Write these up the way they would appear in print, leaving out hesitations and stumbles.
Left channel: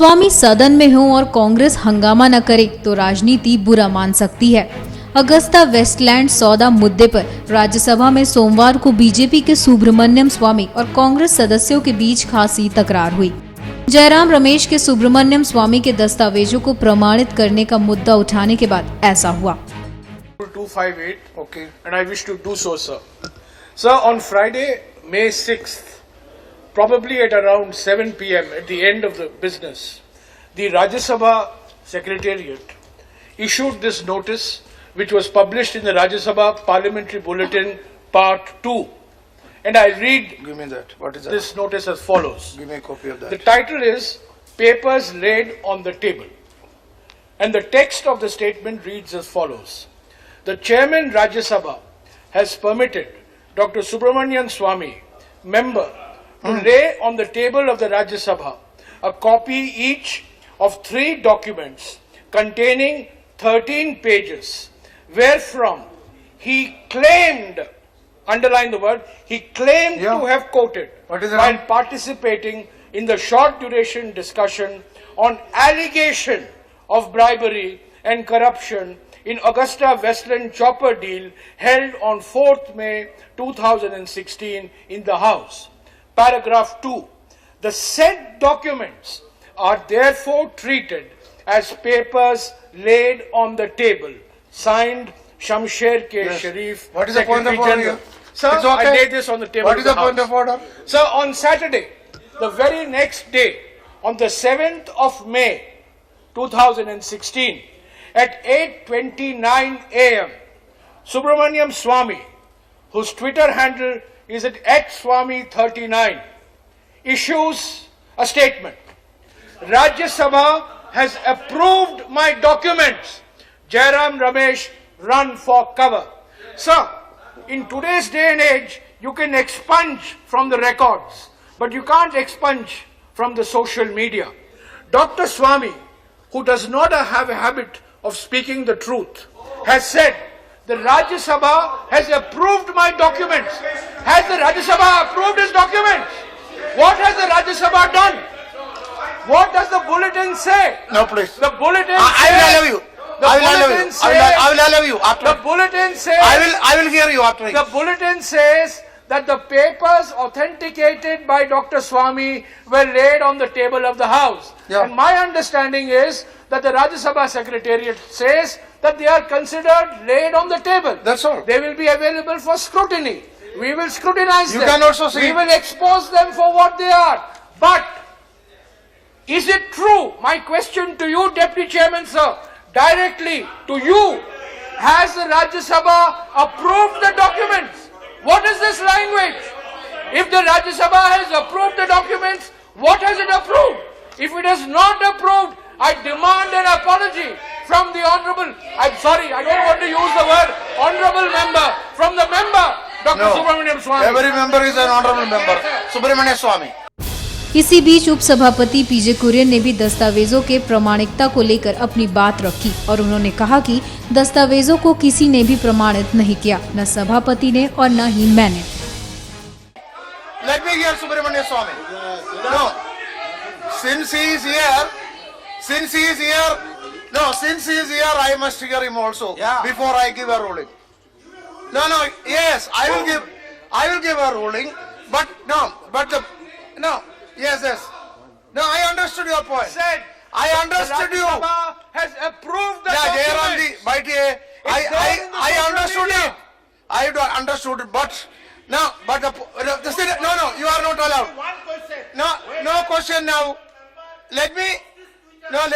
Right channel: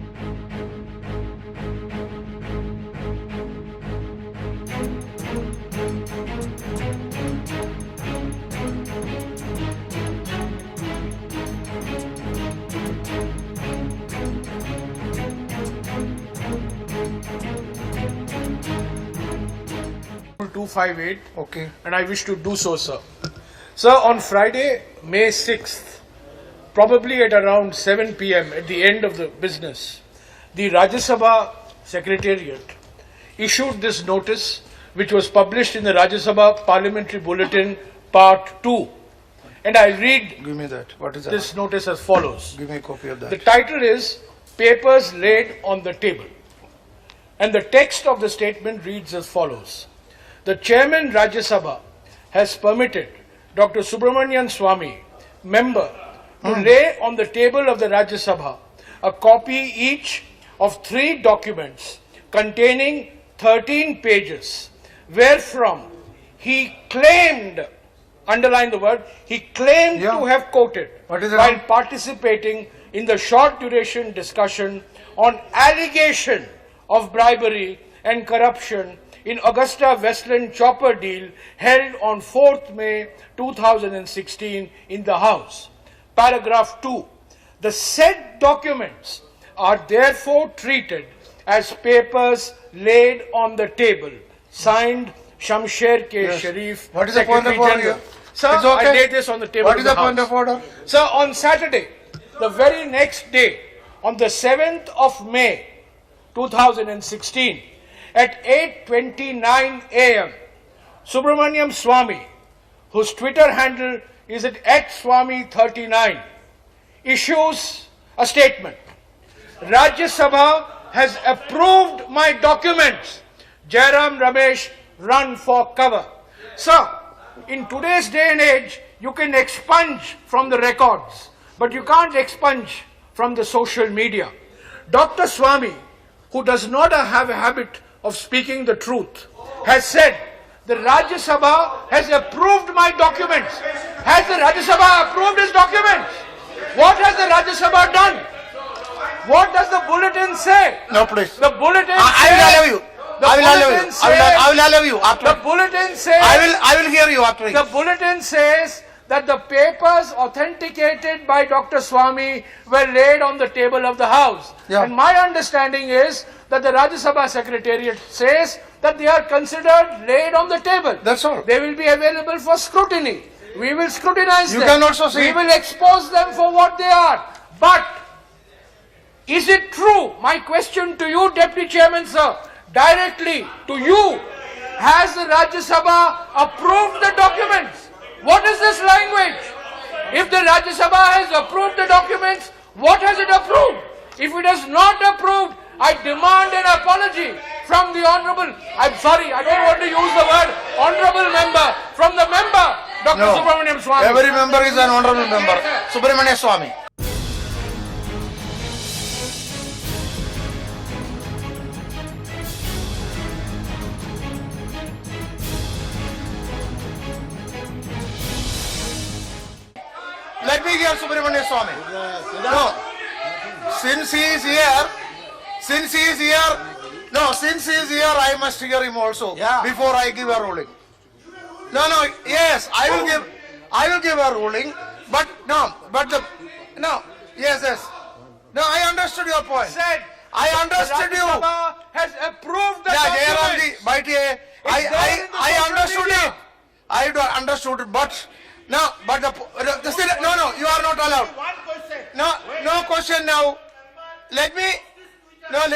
स्वामी सदन में हो और कांग्रेस हंगामा न करे तो राजनीति बुरा मान सकती है। अगस्ता वेस्टलैंड सौदा मुद्दे पर राज्यसभा में सोमवार को बीजेपी के सुब्रमण्यम स्वामी और कांग्रेस सदस्यों के बीच खासी तकरार हुई। जयराम रमेश के सुब्रमण्यम स्वामी के दस्तावेजों को प्रमाणित करने का मुद्दा उठाने के बाद ऐसा हुआ। 258. Okay. And I wish to do so, sir. Sir, on Friday, May 6th, probably at around 7 p.m. at the end of the business, the Rajya Sabha Secretariat issued this notice which was published in the Rajya Sabha Parliamentary Bulletin Part 2. And I read Give me that. What is that? this notice as follows. Give me a copy of that. The title is Papers Laid on the Table. And the text of the statement reads as follows. The Chairman Rajya Sabha has permitted Dr. Subramanian Swamy, member, to lay on the table of the Rajya Sabha a copy each of 3 documents containing 13 pages, wherefrom he claimed, underline the word, he claimed to have quoted What is it? while participating in the short duration discussion on allegation of bribery and corruption in Augusta Westland chopper deal held on 4th May 2016 in the House. Paragraph 2. The said documents are therefore treated as papers laid on the table. Signed, Shamsher K. Yes. Sharif. What is the point of Secretary order General. here? Sir, It's okay. I laid this on the table What of is the House. point of order? Sir, on Saturday, the very next day, on the 7th of May 2016, at 8:29 a.m., Subramaniam Swamy, whose Twitter handle is at @Swamy39, issues a statement. Rajya Sabha has approved my documents. Jairam Ramesh, run for cover. Sir, in today's day and age, you can expunge from the records, but you can't expunge from the social media. Dr. Swamy, who does not have a habit of speaking the truth, has said the Rajya Sabha has approved my documents. Has the Rajya Sabha approved his documents? What has the Rajya Sabha done? What does the bulletin say? No, please. The bulletin I will allow you. The I will allow bulletin you. says- I will allow you after. The bulletin says I will hear you after. the bulletin says that the papers authenticated by Dr. Swamy were laid on the table of the House. Yeah. And my understanding is that the Rajya Sabha Secretariat says that they are considered laid on the table. That's all. They will be available for scrutiny. We will scrutinize You them. can also see- We will expose them for what they are. But is it true? My question to you, Deputy Chairman, sir, directly to you, has the Rajya Sabha approved the documents? What is this language? If the Rajya Sabha has approved the documents, what has it approved? If it has not approved, I demand an apology from the Honourable, I'm sorry, I don't want to use the word Honourable Member, from the member, Dr. No. Subramaniam Swamy. Every member is an honorable member. Subramanian Swamy. इसी बीच उपसभापति पीजे कुरियन ने भी दस्तावेजों के प्रामाणिकता को लेकर अपनी बात रखी और उन्होंने कहा कि दस्तावेजों को किसी ने भी प्रमाणित नहीं किया, न सभापति ने और न ही मैंने। Let me hear Subramanian Swamy. No. Since he is here, I must hear him also before I give a ruling. No, yes, I will give a ruling, but yes. No, I understood your point. Said I understood the you. Rajya Sabha has approved the Yeah, documents. I understood it. I understood it, but no, you are not allowed. One question. No question now.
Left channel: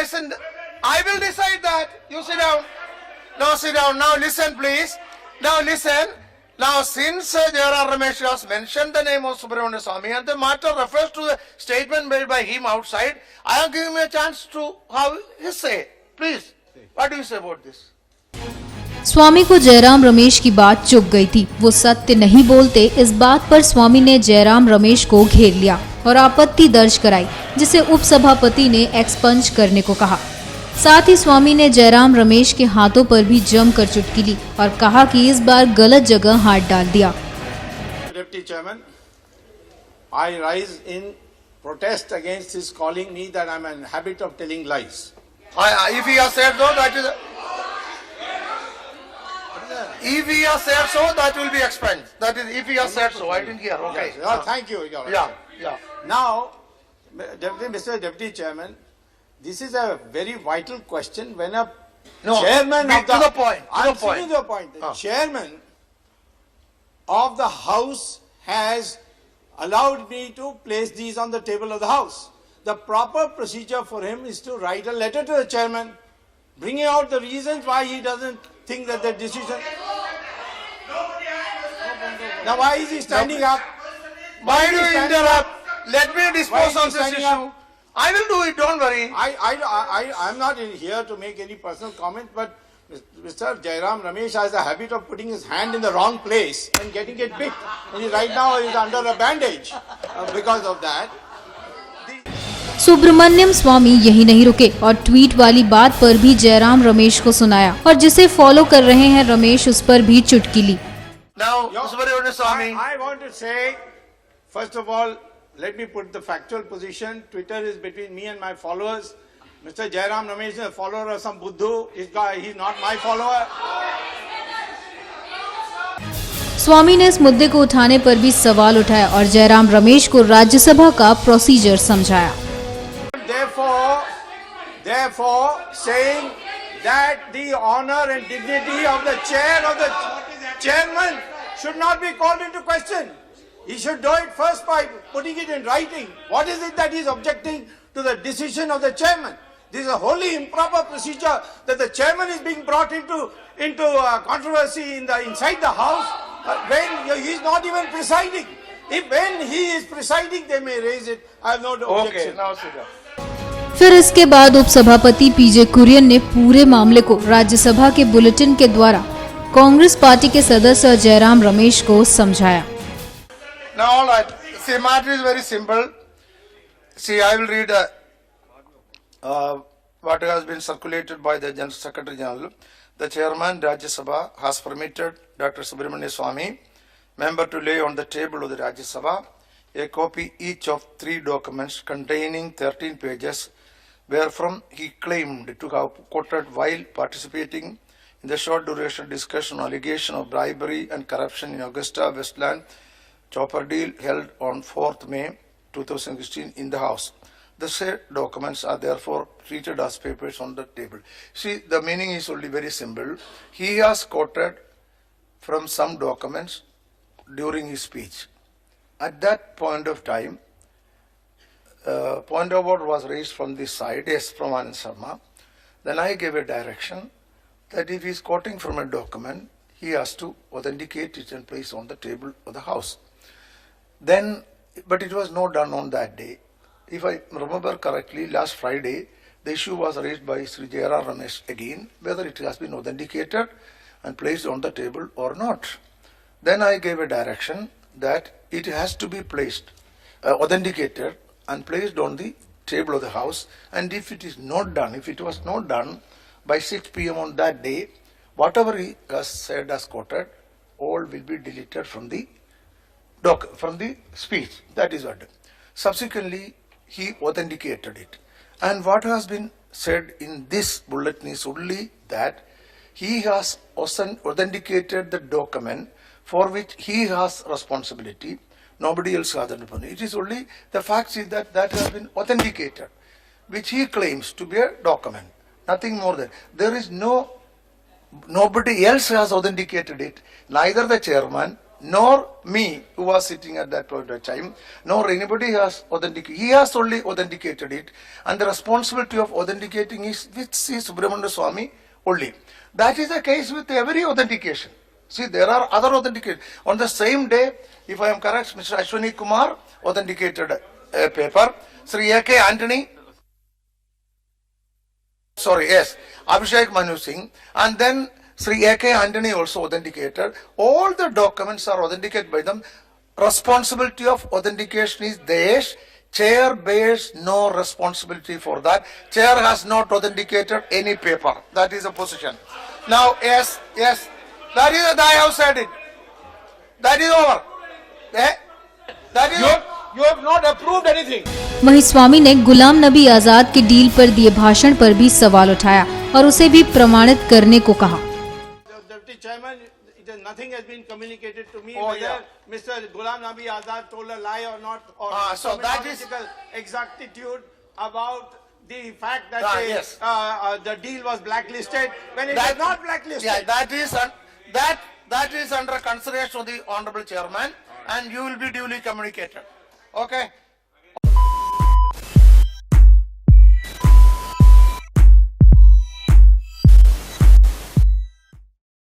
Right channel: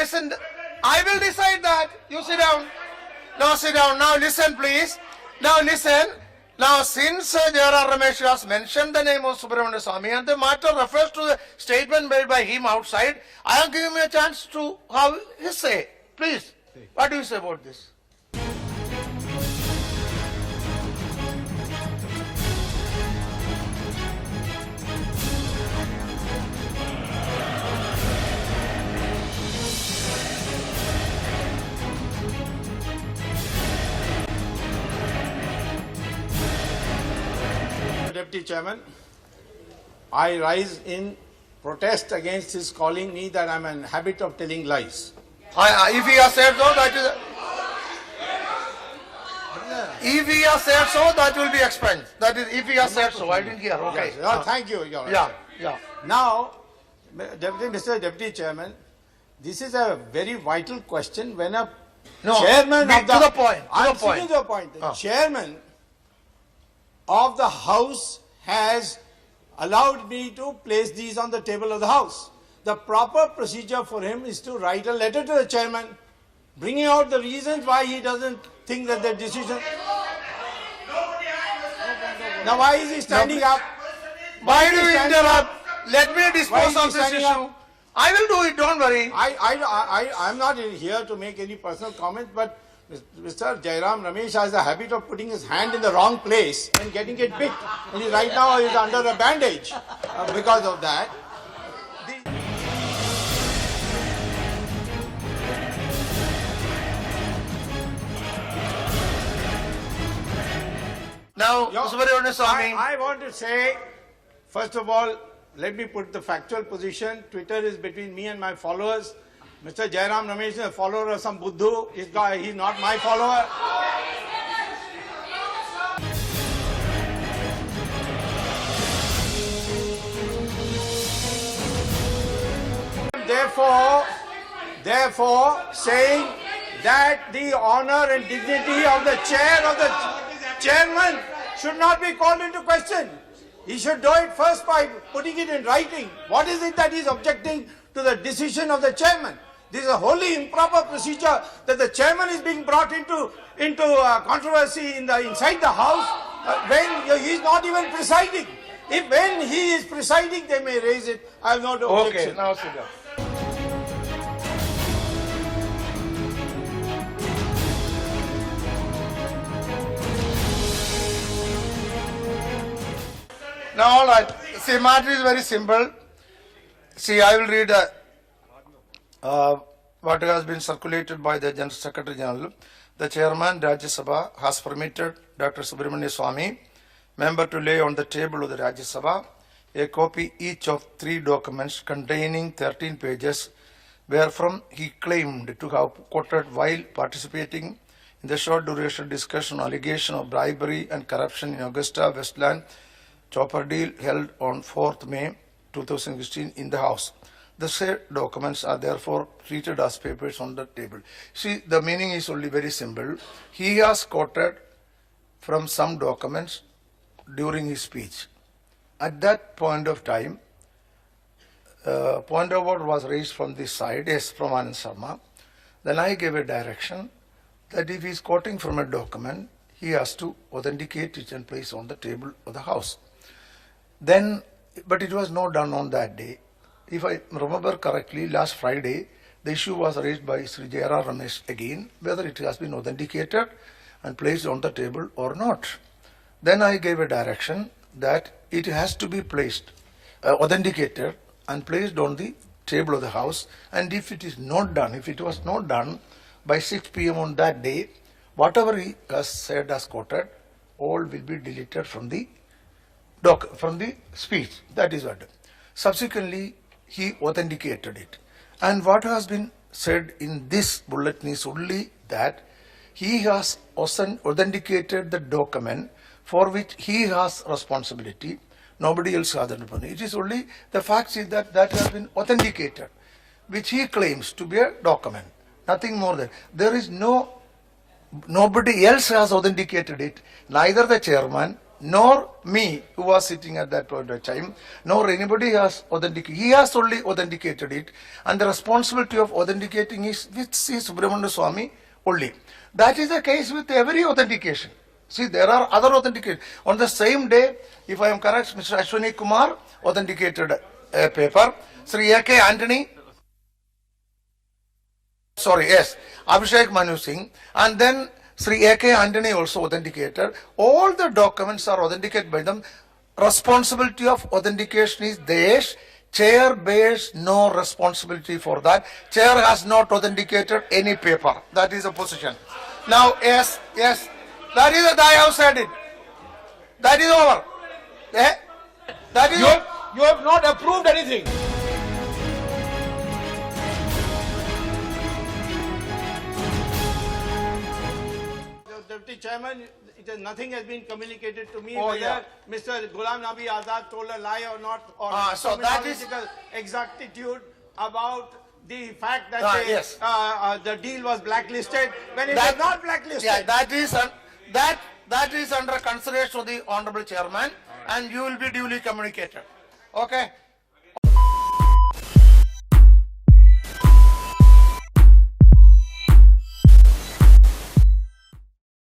Listen. I will decide that. You sit down. No, sit down. Now listen, please. Now listen. Now, since Jairam Ramesh has mentioned the name of Subramanian Swamy and the matter refers to the statement made by him outside, I am giving him a chance to have his say. Please, what do you say about this? स्वामी को जयराम रमेश की बात चुभ गई थी। वो सत्य नहीं बोलते, इस बात पर स्वामी ने जयराम रमेश को घेर लिया और आपत्ति दर्ज कराई, जिसे उपसभापति ने एक्सपंज करने को कहा। साथ ही स्वामी ने जयराम रमेश के हाथों पर भी जमकर चुटकी ली और कहा कि इस बार गलत जगह हाथ डाल दिया। Deputy Chairman, I rise in protest against his calling me that I'm in habit of telling lies. If he has said so, that is. If he has said so, that will be expunged. That is, if he has said so. I didn't hear. Okay. Yes. Oh, thank you. Your Yeah. Honor. Yeah. Now, Mr. Deputy Chairman, this is a very vital question when a No, chairman be of the... to the point, to I'm the point. saying the point. The Ah. chairman of the House has allowed me to place these on the table of the House. The proper procedure for him is to write a letter to the chairman, bringing out the reasons why he doesn't think that the decision... Now why is he standing up? Why is do he you standing interrupt? up? Let me Why dispose is he of this standing issue. up? I will do it. Don't worry. I'm not here to make any personal comments, but Mr. Jairam Ramesh has a habit of putting his hand in the wrong place and getting it picked. And right now he's under a bandage because of that. Subramaniam स्वामी यही नहीं रुके और tweet वाली बात पर भी जयराम रमेश को सुनाया और जिसे फॉलो कर रहे हैं रमेश उस पर भी चुटकी ली। Now, Subramanian Swami. I want to say, first of all, let me put the factual position. Twitter is between me and my followers. Mr. Jairam Ramesh is a follower of some Buddhu. He's not my follower. स्वामी ने इस मुद्दे को उठाने पर भी सवाल उठाया और जयराम रमेश को राज्यसभा का प्रोसीजर समझाया। Therefore, saying that the honor and dignity of the chairman should not be called into question. He should do it first by putting it in writing. What is it that he is objecting to the decision of the chairman? This is a wholly improper procedure that the chairman is being brought into controversy inside the house when he is not even presiding. If when he is presiding, they may raise it. I have no objection. Okay, now sit down. फिर इसके बाद उपसभापति पीजे कुरियन ने पूरे मामले को राज्यसभा के bulletin के द्वारा कांग्रेस पार्टी के सदस्य जयराम रमेश को समझाया। Now, all right. See, matter is very simple. See, I will read what has been circulated by the General Secretary General. The Chairman, Rajya Sabha, has permitted Dr. Subramanian Swami, member, to lay on the table of the Rajya Sabha a copy each of 3 documents containing 13 pages, wherefrom he claimed to have quoted while participating in the short duration discussion on allegation of bribery and corruption in Augusta Westland Chopper deal held on 4th May 2016 in the House. The said documents are therefore treated as papers on the table. See, the meaning is only very simple. He has quoted from some documents during his speech. At that point of time, point of order was raised from this side, yes, from Anand Sharma. Then I gave a direction that if he is quoting from a document, he has to authenticate it and place on the table of the House. Then, but it was not done on that day. If I remember correctly, last Friday, the issue was raised by Sri Jairam Ramesh again, whether it has been authenticated and placed on the table or not. Then I gave a direction that it has to be placed, authenticated and placed on the table of the House. And if it is not done, if it was not done by 6 p.m. on that day, whatever he has said as quoted, all will be deleted from the speech. That is what. Subsequently, he authenticated it. And what has been said in this bulletin is only that he has authenticated the document for which he has responsibility. Nobody else has done it. It is only the fact is that that has been authenticated, which he claims to be a document. Nothing more than. There is nobody else has authenticated it. Neither the chairman nor me, who was sitting at that point of time, nor anybody has authenticated. He has only authenticated it, and the responsibility of authenticating is with Sri Subramanian Swami only. That is the case with every authentication. See, there are other authentications. On the same day, if I am correct, Mr. Ashwani Kumar authenticated a paper. Sri A.K. Antony, Abhishek Manu Singh, and then Sri A.K. Antony also authenticated. All the documents are authenticated by them. Responsibility of authentication is theirs. Chair bears no responsibility for that. Chair has not authenticated any paper. That is the position. Now, yes, that is I have said it. That is over. That is You have not approved anything. वहीं स्वामी ने गुलाम नबी आजाद के deal पर दिए भाषण पर भी सवाल उठाया और उसे भी प्रमाणित करने को कहा। Deputy Chairman, nothing has been communicated to me Oh, whether yeah. Mr. Ghulam Nabi Azad told a lie or not, or So that is- terminological exactitude about the fact that Yes. the deal was blacklisted when it That- was not blacklisted. Yeah, that is under consideration of the Honorable Chairman, and you will be duly communicated. Okay?